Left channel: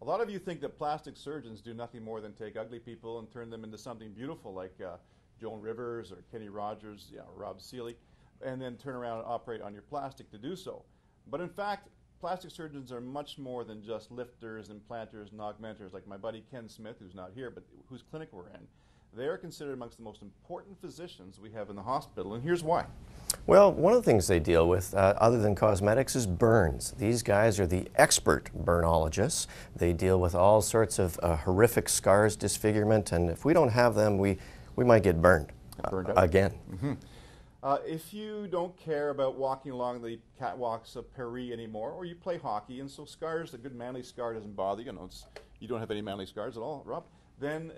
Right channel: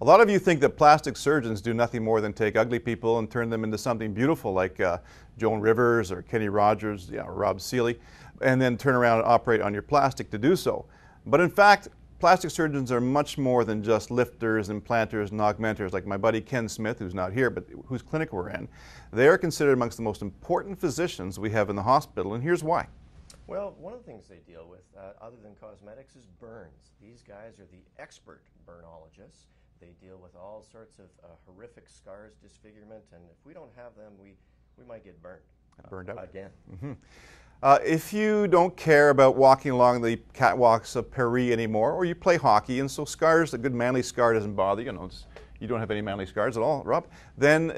A lot of you think that plastic surgeons do nothing more than take ugly people and turn them into something beautiful like Joan Rivers or Kenny Rogers, or Rob Seeley, and then turn around and operate on your plastic to do so. But in fact, plastic surgeons are much more than just lifters, implanters, and augmenters like my buddy Ken Smith, who's not here, but whose clinic we're in. They are considered amongst the most important physicians we have in the hospital, and here's why. Well, one of the things they deal with, other than cosmetics, is burns. These guys are the expert burnologists. They deal with all sorts of horrific scars, disfigurement, and if we don't have them, we might get burned again. Mm-hmm. If you don't care about walking along the catwalks of Paris anymore, or you play hockey, and so scars, a good manly scar doesn't bother you, you don't have any manly scars at all, Rob, then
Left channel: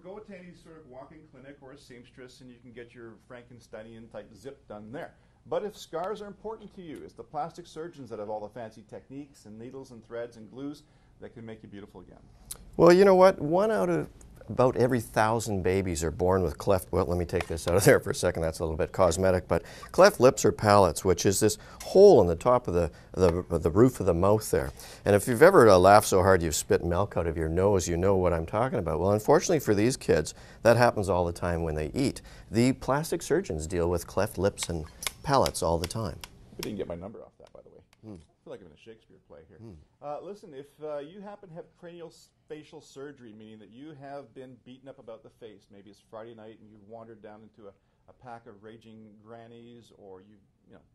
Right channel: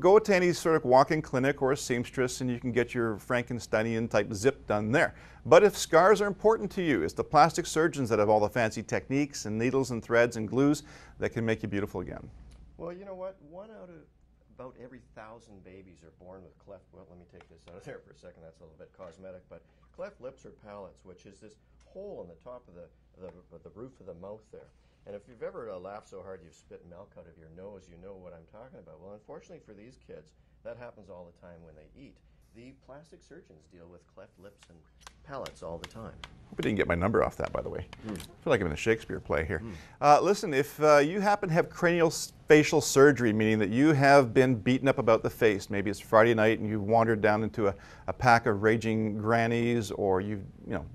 go to any sort of walk-in clinic or a seamstress and you can get your Frankensteinian type zip done there. But if scars are important to you, it's the plastic surgeons that have all the fancy techniques and needles and threads and glues that can make you beautiful again. Well, you know what? One out of about every 1,000 babies are born with cleft, well, let me take this out of there for a second, that's a little bit cosmetic, but cleft lips or palates, which is this hole in the top of the roof of the mouth there. And if you've ever laughed so hard you've spit milk out of your nose, you know what I'm talking about. Well, unfortunately for these kids, that happens all the time when they eat. The plastic surgeons deal with cleft lips and palates all the time. I didn't get my number off that, by the way. I feel like I'm in a Shakespeare play here. Listen, if you happen to have craniofacial surgery, meaning that you have been beaten up about the face, maybe it's Friday night and you've wandered down into a pack of raging grannies, or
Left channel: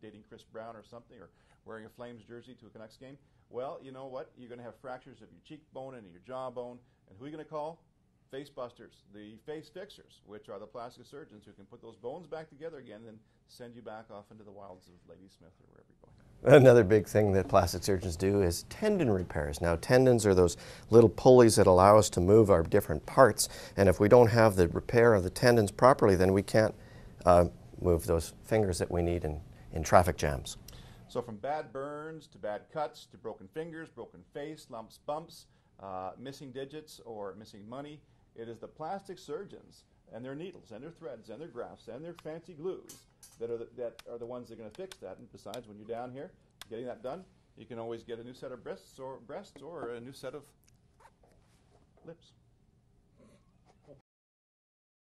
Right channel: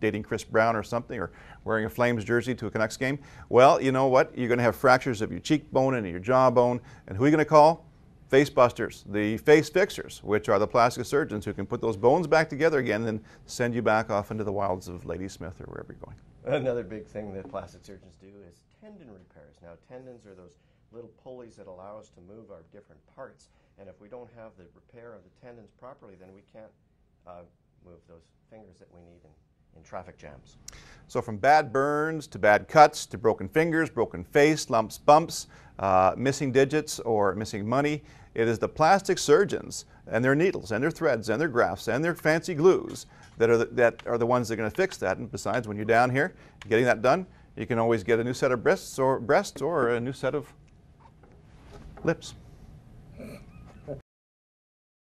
dating Chris Brown or something, or wearing a Flames jersey to a Canucks game, well, you know what? You're going to have fractures of your cheekbone and your jawbone, and who are you going to call? Face busters, the face fixers, which are the plastic surgeons who can put those bones back together again and send you back off into the wilds of Ladysmith or wherever you're going. Another big thing that plastic surgeons do is tendon repairs. Now, tendons are those little pulleys that allow us to move our different parts, and if we don't have the repair of the tendons properly, then we can't move those fingers that we need in traffic jams. So from bad burns to bad cuts to broken fingers, broken face, lumps, bumps, missing digits or missing money, it is the plastic surgeons and their needles and their threads and their grafts and their fancy glues that are the ones that are going to fix that. And besides, when you're down here getting that done, you can always get a new set of breasts or a new set of lips.